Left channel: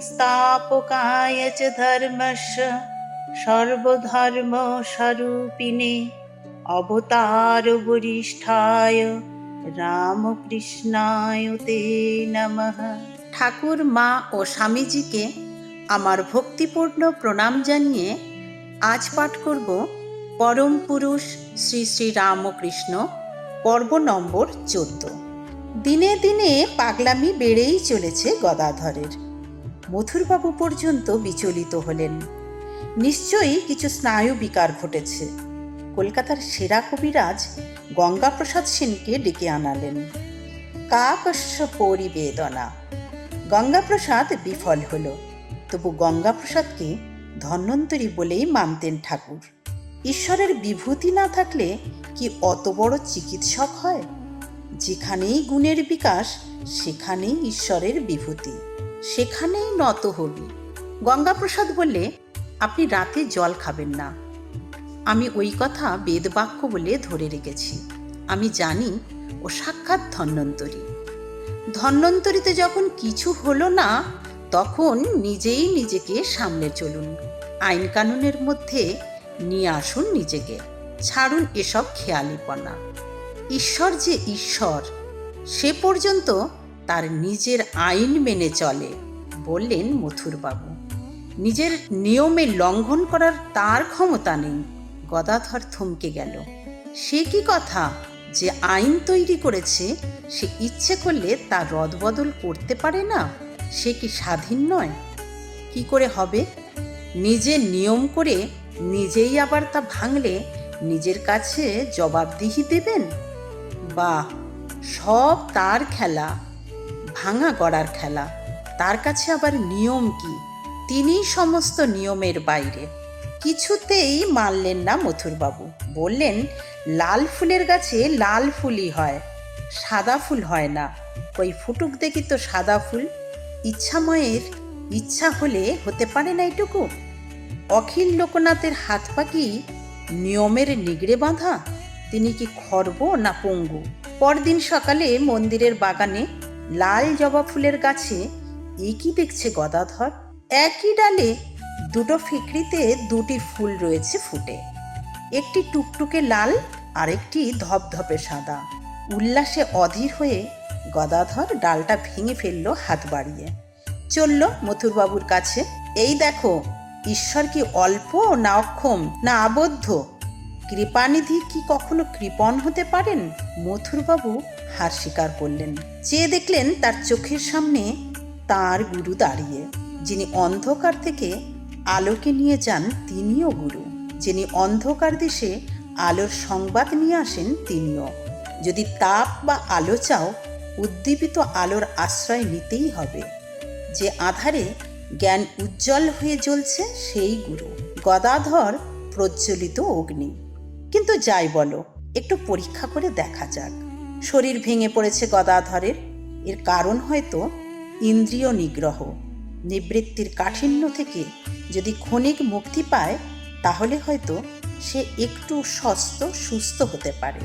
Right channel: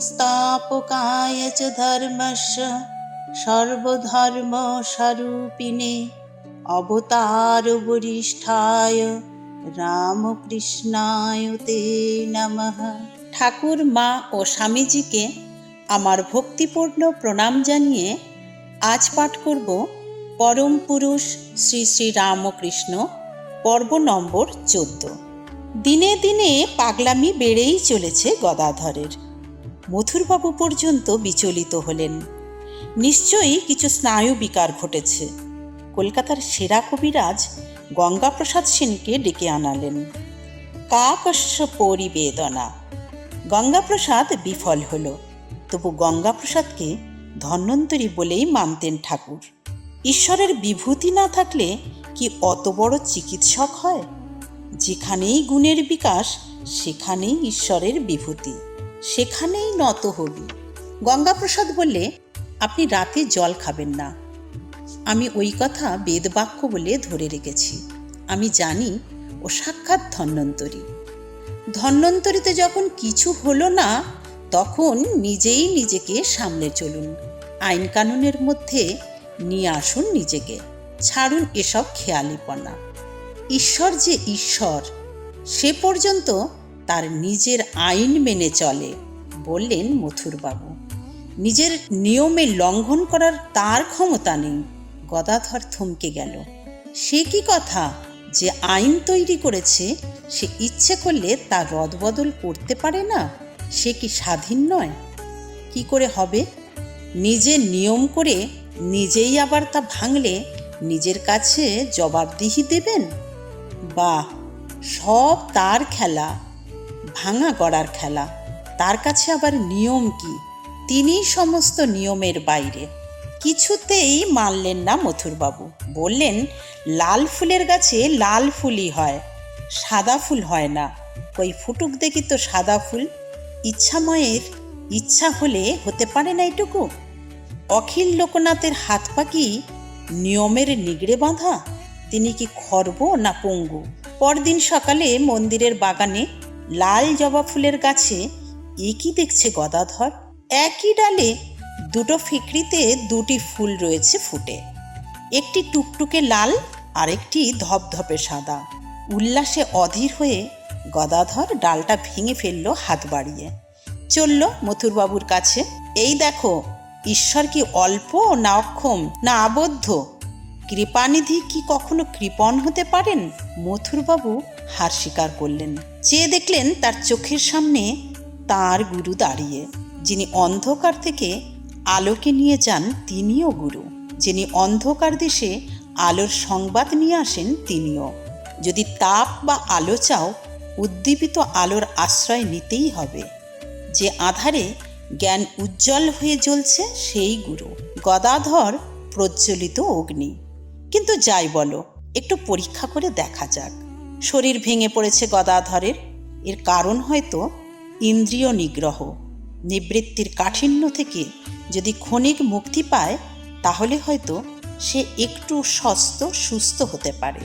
संस्थापकाय च धर्मस्य सर्वधर्मस्वरूपिणे अवतारवरिष्ठाय রামকৃষ্ণায় তে নমঃ। ঠাকুর, মা ও স্বামীজিকে আমার ভক্তিপূর্ণ প্রণাম জানিয়ে আজ পাঠ করব পরম পুরুষ শ্রী শ্রী রামকৃষ্ণ, পর্ব নম্বর 14। দিনে দিনে পাগলামি বেড়েই চলেছে গদাধরের। মথুরবাবু পর্যন্ত বিচলিত হলেন। নিশ্চয়ই কিছু স্নায়ু বিকার ঘটেছে। কলকাতার সেরা কবিরাজ গঙ্গাপ্রসাদ সেনকে ডেকে আনালেন। কাকস্য পরিবেদনা। গঙ্গাপ্রসাদ বিফল হল, তবু গঙ্গাপ্রসাদকে ধন্বন্তরী বলেই মানতেন ঠাকুর। ঈশ্বরের বিভূতি না থাকলে কি অত বড় চিকিৎসক হয়? যেখানেই গুণের বিকাশ সেখানেই ঈশ্বরের বিভূতি, সেখানেই নত হবি। গঙ্গাপ্রসাদ বললে, আপনি রাতে জল খাবেন না। আমি ওই কথা বেদবাক্য বলে ধরে রেখেছি। আমি জানি ও সাক্ষাৎ ধন্বন্তরী। ধন্বন্তরীতে যখন কিছু হলো না, তখন নিজেই নিজেকে সামলে চলুন। আইন কানুনের মধ্যে নিয়ে আসুন নিজেকে। ছাড়ুন এসব খেয়ালিপনা। ঈশ্বর যে ঈশ্বর, সে পর্যন্ত তার নিজের আইন মেনে চলে, বললেন মথুরবাবু। নিজের নিয়মে লঙ্ঘন করার তার ক্ষমতা নেই। গদাধর থমকে গেল। সে কি কথা? যে আইন তৈরি করেছে সে ইচ্ছে করলে তার রদবদল করতে পারে না? সে কি স্বাধীন নয়? কি করে হবে? নিজে নিয়ম করে নিজেই আবার তা ভাঙলে নিজের কাছে জবাবদিহি দেবেন? বাহ, সব তার খেলা, ভাঙা গড়ার খেলা। তার কাছে আবার নিয়ম কি? তিনি সমস্ত নিয়মের বাইরে। কিছুতেই মানলেন না মথুরবাবু। বললেন, লাল ফুলের গাছে লাল ফুলই হয়, সাদা ফুল হয় না। কই ফুটুক দেখি তো সাদা ফুল। ইচ্ছাময়ের ইচ্ছা হলে হতে পারে না এটুকু? অখিল লোকনাথের হাত পা কি নিয়মের নিগড়ে বাঁধা? তিনি কি খর্ব না পঙ্গু? পরদিন সকালে মন্দিরের বাগানে লাল জবা ফুলের গাছে একই দেখছে গদাধর। একই ডালে দুটো ফিকড়িতে দুটি ফুল রয়েছে ফুটে, একটি টুকটুকে লাল আর একটি ধপধপে সাদা। উল্লাসে অধীর হয়ে গদাধর ডালটা ভেঙে ফেলল হাত বাড়িয়ে। চলল মথুরবাবুর কাছে। এই দেখো, ঈশ্বর কি অল্প না অক্ষম না আবদ্ধ? কৃপানিধি কি কখনো কৃপণ হতে পারেন? মথুরবাবু হার স্বীকার করলেন। চেয়ে দেখলেন তার চোখের সামনে তার গুরু দাঁড়িয়ে। যিনি অন্ধকার থেকে আলোকে নিয়ে যান তিনিও গুরু। যিনি অন্ধকার দেশে আলোর সংবাদ নিয়ে আসেন তিনিও। যদি তাপ বা আলো চাও, উদ্দীপিত আলোর আশ্রয় নিতেই হবে। যে আধারে জ্ঞান উজ্জ্বল হয়ে জ্বলছে সেই গুরু। গদাধর প্রজ্বলিত অগ্নি। কিন্তু যাই বলো, একটু পরীক্ষা করে দেখা যাক। শরীর ভেঙে পড়েছে গদাধরের। এর কারণ হয়তো ইন্দ্রিয় নিগ্রহ। নিবৃত্তির কাঠিন্য থেকে যদি ক্ষণিক মুক্তি পায়, তাহলে হয়তো সে একটু সুস্থ হতে পারে।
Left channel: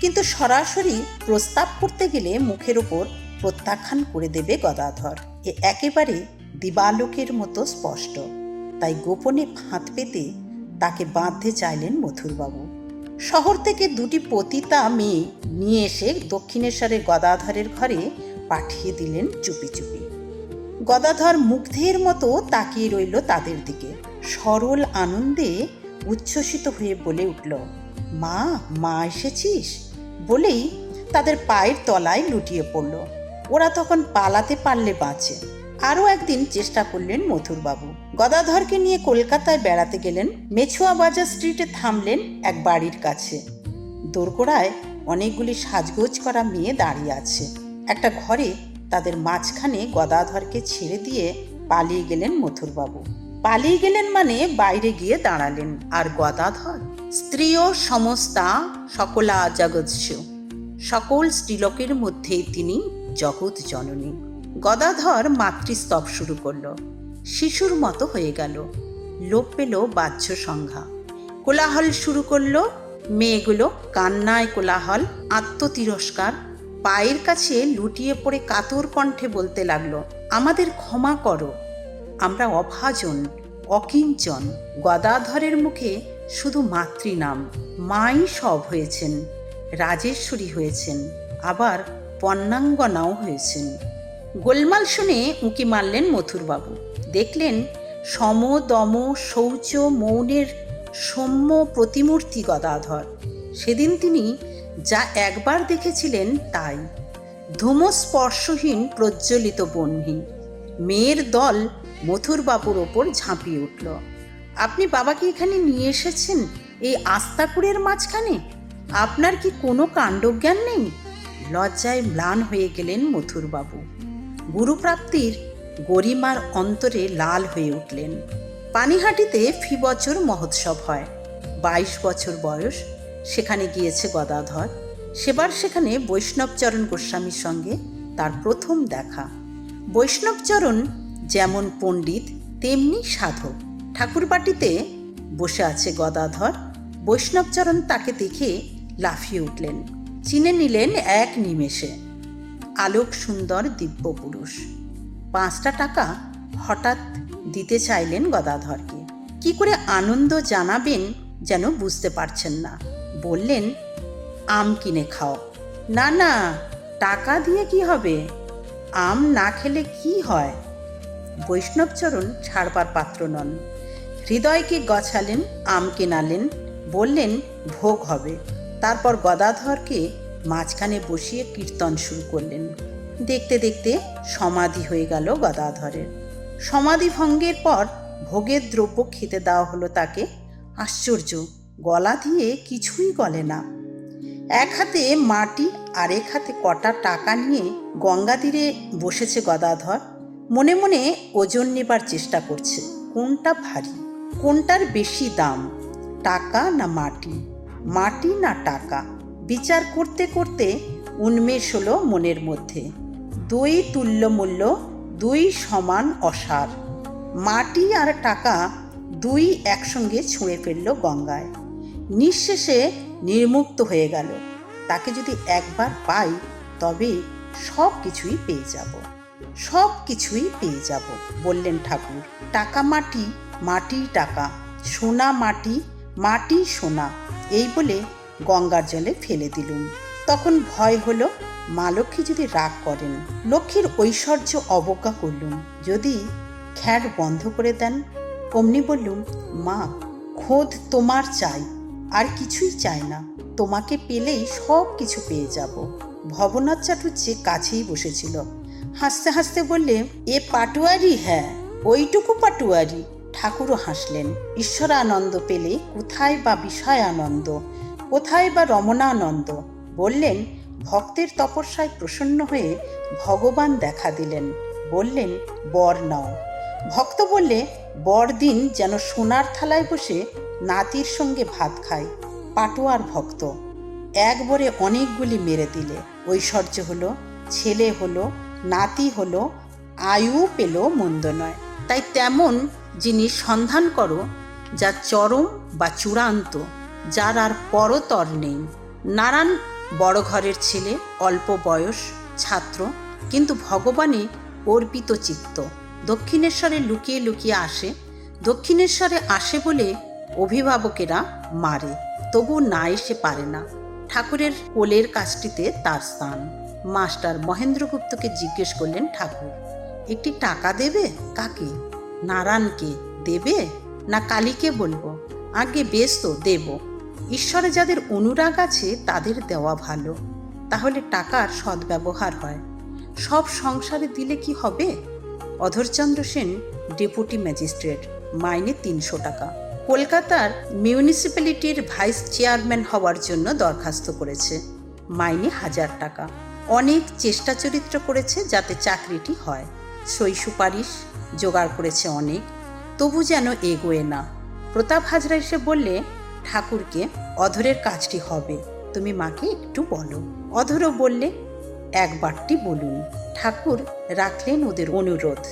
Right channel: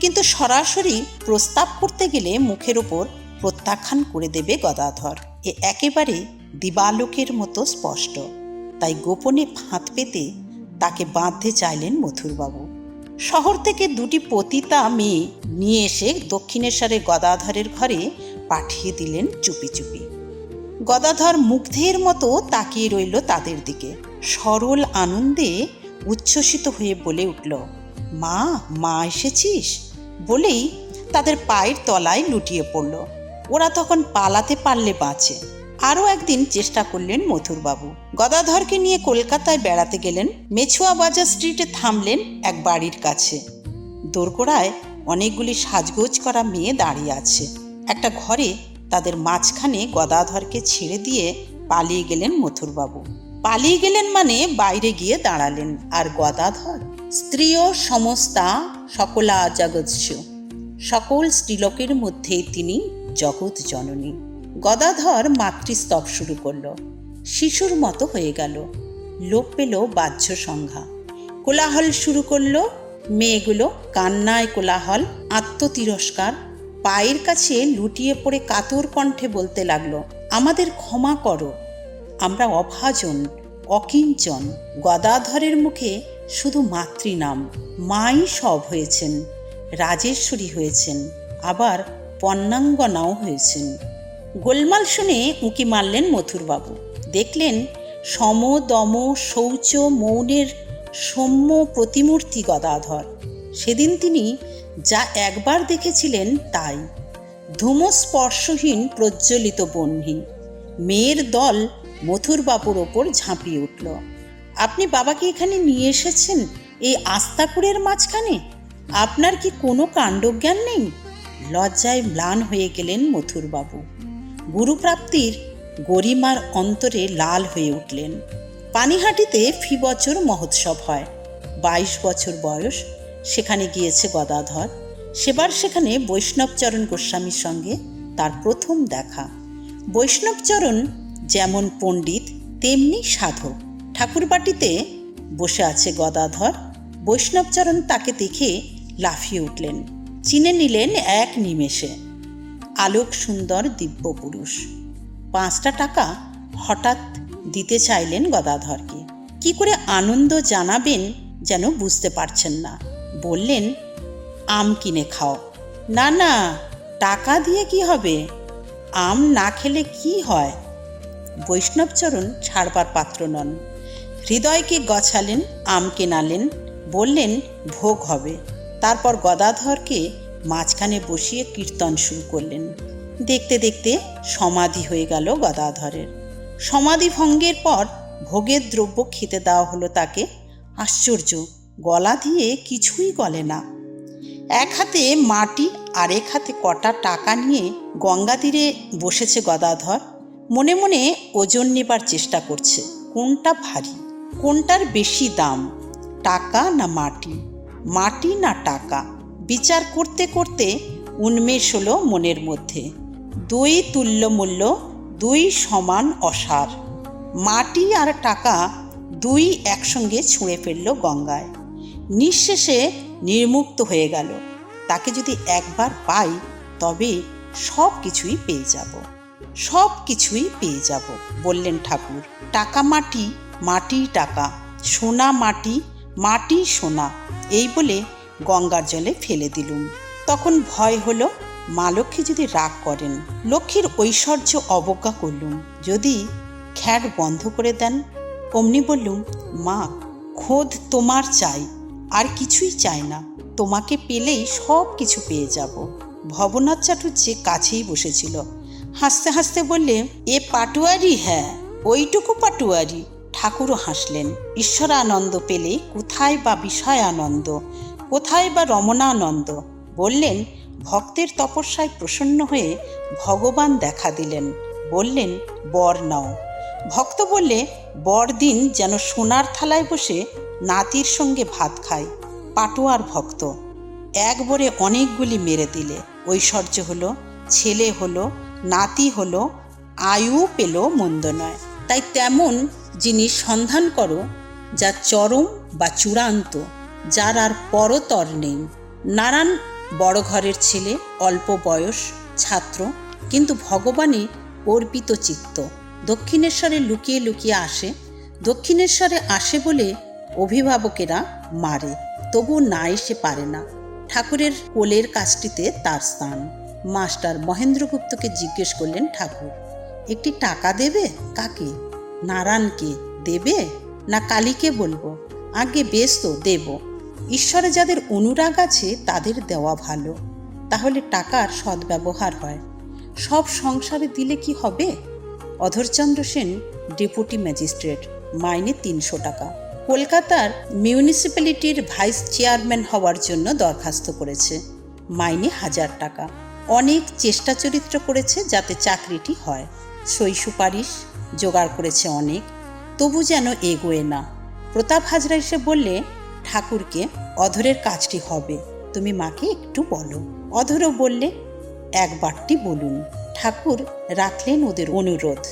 কিন্তু সরাসরি প্রস্তাব করতে গেলে মুখের ওপর প্রত্যাখ্যান করে দেবে গদাধর। এ একেবারে দিবালোকের মতো স্পষ্ট। তাই গোপনে ফাঁদ পেতে তাকে বাঁধতে চাইলেন মথুরবাবু। শহর থেকে দুটি পতিতা মেয়ে নিয়ে এসে দক্ষিণেশ্বরে গদাধরের ঘরে পাঠিয়ে দিলেন চুপি চুপি। গদাধর মুগ্ধের মতো তাকিয়ে রইল তাদের দিকে। সরল আনন্দে উচ্ছ্বসিত হয়ে বলে উঠল, মা, মা এসেছিস? বলেই তাদের পায়ের তলায় লুটিয়ে পড়ল। ওরা তখন পালাতে পারলে বাঁচে। আরও একদিন চেষ্টা করলেন মথুরবাবু। গদাধরকে নিয়ে কলকাতায় বেড়াতে গেলেন। মেছুয়া বাজার স্ট্রিটে থামলেন এক বাড়ির কাছে। দোরগোড়ায় অনেকগুলি সাজগোজ করা মেয়ে দাঁড়িয়ে আছে। একটা ঘরে তাদের মাঝখানে গদাধরকে ছেড়ে দিয়ে পালিয়ে গেলেন মথুরবাবু। পালিয়ে গেলেন মানে বাইরে গিয়ে দাঁড়ালেন। আর গদাধর? স্ত্রীও সমস্তা সকলা জগৎস্য। সকল স্ত্রীলোকের মধ্যে তিনি জগৎ জননী। গদাধর মাতৃস্তব শুরু করল। শিশুর মতো হয়ে গেল। লোপ পেল বাহ্য সংজ্ঞা। কোলাহল শুরু করল। মেয়েগুলো কান্নায় কোলাহল, আত্মতিরস্কার। পায়ের কাছে লুটিয়ে পড়ে কাতর কণ্ঠে বলতে লাগলো, আমাদের ক্ষমা করো, আমরা অভাজন, অকিঞ্চন। গদাধরের মুখে শুধু মাতৃনাম। মাই সব হয়েছেন, রাজেশ্বরী হয়েছেন, আবার পন্নাঙ্গনাও হয়েছেন। গোলমাল শুনে উঁকি মারলেন মথুরবাবু। দেখলেন সম দম শৌচ মৌনের সৌম্য প্রতিমূর্তি গদাধর। সেদিন তিনি যা একবার দেখেছিলেন তাই। ধূমস্পর্শহীন প্রজ্বলিত বহ্নি। মেয়ের দল মথুরবাবুর ওপর ঝাঁপিয়ে উঠল। আপনি বাবাকে এখানে নিয়ে এসেছেন এই আস্তাকুড়ের মাঝখানে? আপনার কি কোনো কাণ্ডজ্ঞান নেই? লজ্জায় ম্লান হয়ে গেলেন মথুরবাবু। গুরুপ্রাপ্তির গরিমার অন্তরে লাল হয়ে উঠলেন। পানিহাটিতে ফি বছর মহোৎসব হয়। 22 বছর বয়স। সেখানে গিয়েছে গদাধর। সেবার সেখানে বৈষ্ণবচরণ গোস্বামীর সঙ্গে তার প্রথম দেখা। বৈষ্ণবচরণ যেমন পণ্ডিত তেমনি সাধক। ঠাকুরবাটিতে বসে আছে গদাধর। বৈষ্ণবচরণ তাকে দেখে লাফিয়ে উঠলেন, চিনে নিলেন এক নিমেষে। আলোক সুন্দর দিব্য পুরুষ। 5টা টাকা হঠাৎ দিতে চাইলেন গদাধরকে। কি করে আনন্দ জানাবেন যেন বুঝতে পারছেন না। বললেন, আম কিনে খাও। না না, টাকা দিয়ে কি হবে? আম না খেলে কি হয়? বৈষ্ণবচরণ ছাড়বার পাত্র নন। হৃদয়কে গছালেন, আম কেনালেন, বললেন ভোগ হবে। তারপর গদাধরকে মাঝখানে বসিয়ে কীর্তন শুরু করলেন। দেখতে দেখতে সমাধি হয়ে গেল গদাধরের। সমাধি ভঙ্গের পর ভোগের দ্রব্য খেতে দেওয়া হলো তাকে। আশ্চর্য, গলা দিয়ে কিছুই গলে না। এক হাতে মাটি আর এক হাতে কটা টাকা নিয়ে গঙ্গা তীরে বসেছে গদাধর। মনে মনে ওজন নেবার চেষ্টা করছে। কোনটা ভারী, কোনটার বেশি দাম, টাকা না মাটি, মাটি না টাকা? বিচার করতে করতে উন্মেষ হলো মনের মধ্যে। 2 তুল্য মূল্য, 2 সমান অসার। মাটি আর টাকা 2 একসঙ্গে ছুঁড়ে ফেলল গঙ্গায়। নিঃশেষে নির্মুক্ত হয়ে গেল। তাকে যদি একবার পাই তবে সব কিছুই পেয়ে যাব, সব কিছুই পেয়ে যাব, বললেন ঠাকুর। টাকা মাটি, মাটি টাকা, সোনা মাটি, মাটি সোনা, এই বলে গঙ্গার জলে ফেলে দিলুম। তখন ভয় হলো মা লক্ষ্মী যদি রাগ করেন। লক্ষ্মীর ঐশ্বর্য অবজ্ঞা করলুম, যদি খ্যার বন্ধ করে দেন। অমনি বললুম, মা, খোদ তোমার চাই, আর কিছুই চাই না। তোমাকে পেলেই সব কিছু পেয়ে যাব। ভবনাথ চাটুর্যে কাছেই বসেছিল। হাসতে হাসতে বললে, এ পাটুয়ারি? হ্যাঁ, ওইটুকু পাটুয়ারি। ঠাকুরও হাসলেন। ঈশ্বরানন্দ পেলে কোথায় বা বিষয়ানন্দ, কোথায় বা রমণানন্দ? বললেন, ভক্তের তপস্যায় প্রসন্ন হয়ে ভগবান দেখা দিলেন। বললেন, বর নাও। ভক্ত বললে, বড়দিন যেন সোনার থালায় বসে নাতির সঙ্গে ভাত খায়। পাটোয়ার ভক্ত। একবারে অনেকগুলি মেরে দিলে। ঐশ্বর্য হলো, ছেলে হলো, নাতি হলো, আয়ু পেল, মন্দ নয়। তাই তেমন জিনিস সন্ধান করো যা চরম বা চূড়ান্ত, যার আর পরতর নেই। নারায়ণ বড় ঘরের ছেলে, অল্প বয়স, ছাত্র, কিন্তু ভগবানে অর্পিত চিত্ত। দক্ষিণেশ্বরে লুকিয়ে লুকিয়ে আসে। দক্ষিণেশ্বরে আসে বলে অভিভাবকেরা মারে, তবু না এসে পারে না। ঠাকুরের কোলের কাছটিতে তার স্থান। মাস্টার মহেন্দ্রগুপ্তকে জিজ্ঞেস করলেন ঠাকুর, একটি টাকা দেবে? কাকে? নারায়ণকে দেবে না কালীকে বলবো? আগে বেশ তো, দেব। ঈশ্বরে যাদের অনুরাগ আছে তাদের দেওয়া ভালো, তাহলে টাকার সদ্ব্যবহার হয়। সব সংসারে দিলে কি হবে? অধরচন্দ্র সেন ডেপুটি ম্যাজিস্ট্রেট, মাইনে 300 টাকা। কলকাতার মিউনিসিপ্যালিটির ভাইস চেয়ারম্যান হওয়ার জন্য দরখাস্ত করেছে, মাইনে 1000 টাকা। অনেক চেষ্টা চরিত্র করেছে যাতে চাকরিটি হয়, সই সুপারিশ জোগাড় করেছে অনেক, তবু যেন এগোয় না। প্রতাপ হাজরা এসে বললে ঠাকুরকে, অধরের কাজটি হবে, তুমি মাকে একটু বলো। অধরও বললে, একবারটি বলুন। ঠাকুর রাখলেন ওদের অনুরোধ।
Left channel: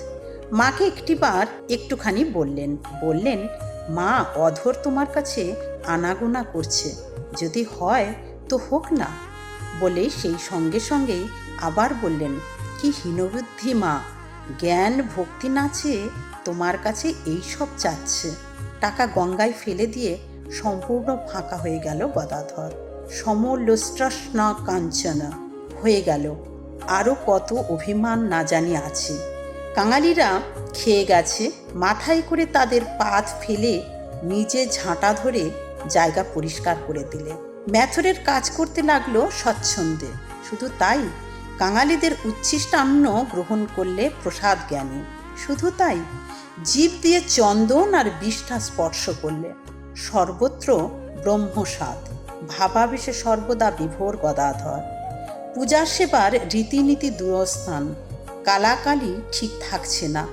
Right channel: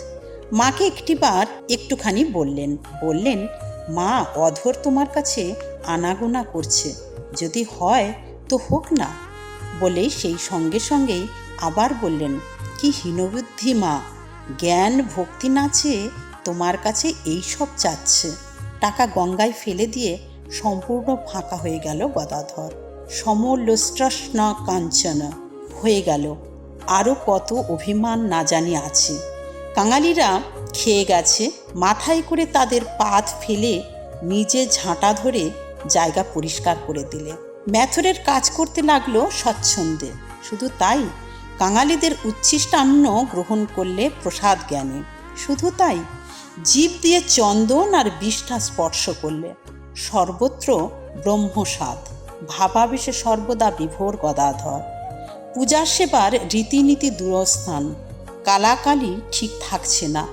মাকে একটিবার একটুখানি বললেন, মা, অধর তোমার কাছে আনাগোনা করছে, যদি হয় তো হোক না। বলেই সেই সঙ্গে সঙ্গেই আবার বললেন, কি হীনবুদ্ধি মা, জ্ঞান ভক্তি না চেয়ে তোমার কাছে এই সব চাচ্ছে। টাকা গঙ্গায় ফেলে দিয়ে সম্পূর্ণ ফাঁকা হয়ে গেল গদাধর। সমলোষ্ট্রস্ন কাঞ্চন হয়ে গেল। আরও কত অভিমান না জানি আছে। কাঙালিরা খেয়ে গেছে, মাথায় করে তাদের পাত ফেলে নিজে ঝাঁটা ধরে জায়গা পরিষ্কার করে দিলে। ম্যাথরের কাজ করতে লাগলো স্বচ্ছন্দে। শুধু তাই, কাঙালিদের উচ্ছিষ্টান্ন গ্রহণ করলে প্রসাদ জ্ঞানে। শুধু তাই, জীব দিয়ে চন্দন আর বিষ্ঠা স্পর্শ করলে। সর্বত্র ব্রহ্মস্বাদ, ভাবাবেশে সর্বদা বিভোর গদাধর। পূজা সেবার রীতিনীতি দূরস্থান। কালাকালি ঠিক থাকছে না,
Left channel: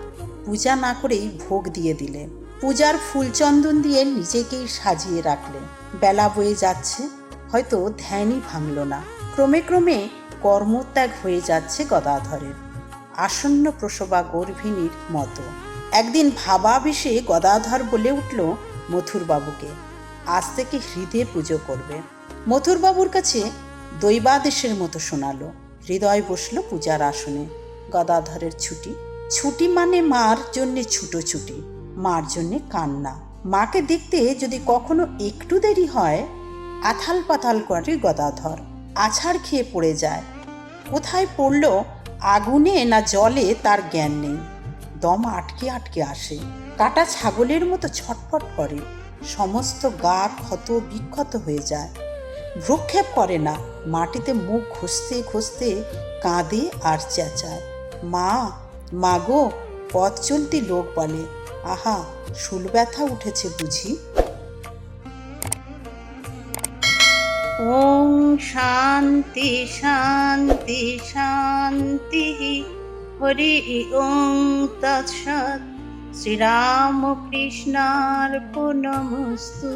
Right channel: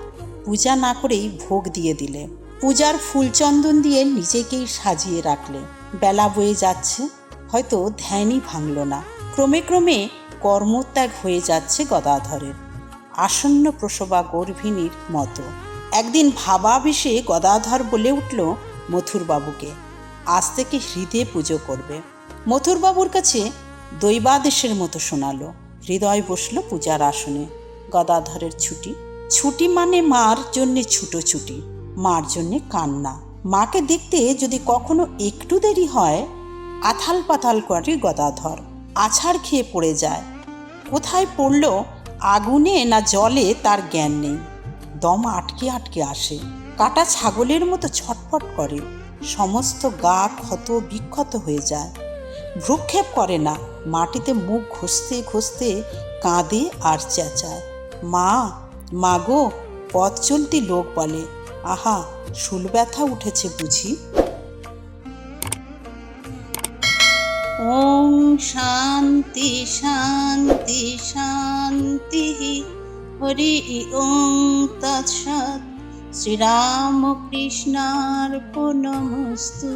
পূজা না করেই ভোগ দিয়ে দিলে। পূজার ফুলচন্দন দিয়ে নিজেকেই সাজিয়ে রাখলে। বেলা বয়ে যাচ্ছে, হয়তো ধ্যানই ভাঙল না। ক্রমে ক্রমে কর্মত্যাগ হয়ে যাচ্ছে গদাধরের, আসন্ন প্রসবা গর্ভিণীর মতো। একদিন ভাবাবেশে গদাধর বলে উঠল মথুরবাবুকে, আজ থেকে হৃদয়ে পুজো করবে। মথুরবাবুর কাছে দৈবাদেশের মতো শোনালো। হৃদয় বসল পূজার আসনে। গদাধরের ছুটি। ছুটি মানে মার জন্যে ছুটোছুটি, মার জন্যে কান্না। মাকে দেখতে যদি কখনো একটু দেরি হয়, আথাল পাতাল করে গদাধর। আছাড় খেয়ে পড়ে যায়। কোথায় পড়ল, আগুনে না জলে তার জ্ঞান নেই। দম আটকে আটকে আসে। কাটা ছাগলের মতো ছটফট করে। সমস্ত গা ক্ষত বিক্ষত হয়ে যায়। ভ্রুক্ষেপ করে না, মাটিতে মুখ ঘষতে ঘষতে কাঁদে আর চেঁচায়, মা, মা গো। পথ চলতি লোক বলে, আহা, শুল ব্যথা উঠেছে বুঝি। ওং শান্তি শান্তি শান্তি। হরি ওং তৎসৎ। শ্রীরামকৃষ্ণার্পণমস্তু।